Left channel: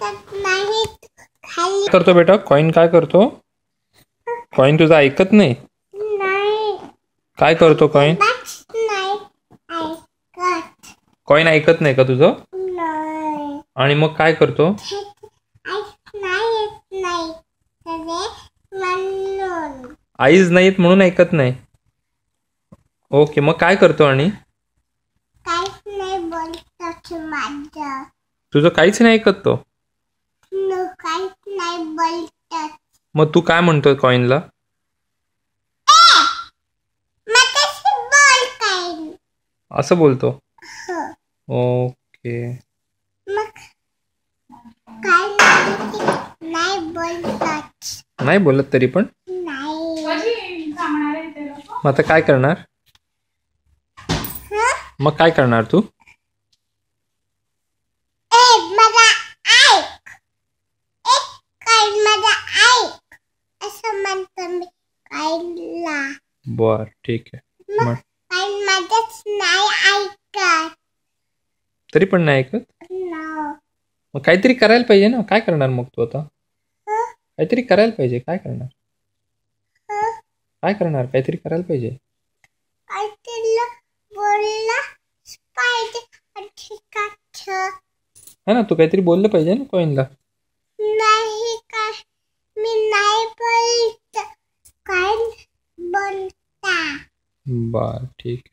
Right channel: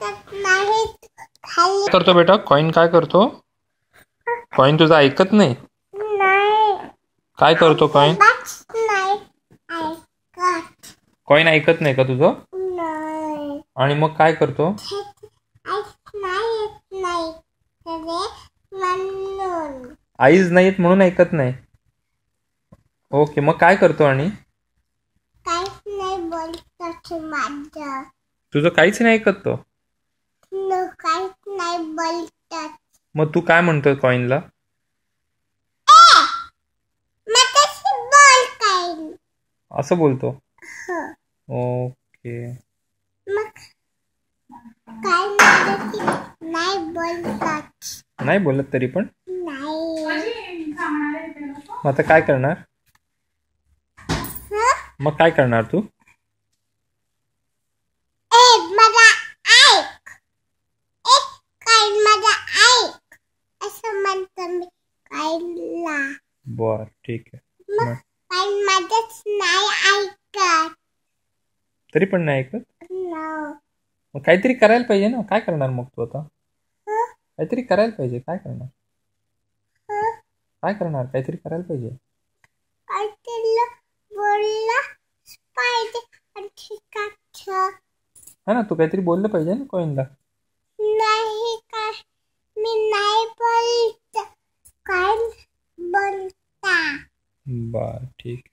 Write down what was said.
काय करतो बेटा? कॉइन काय करतो? कॉइन तुझा ऐकत नाही? काय करतो कॉइन? कॉइन ऐकत नाही का तुझं? आणि मग काय करतो? आईज नाहीत म्हणून ऐकत नाही. ओके, मग काय करतो? आणि तुझं काहीच नाही ऐकत तो? मग तू काय म्हणतोय कॉइनला? असं बोलतो? ओके. नाही बोलत तरी पण? मग आता काय करणार? मग काय करणार तू? बर, ठीक आहे. तरी पण नाही ऐकत? मग काहीतरी करायला पाहिजे ना. काय करणार मग तू आता? काहीतरी करायला पाहिजे. काय करणार? काय करणार? काहीतरी करायला पाहिजे. है ना, तू काहीतरी बोललं पाहिजे ना कॉइनला. बर, ठीक.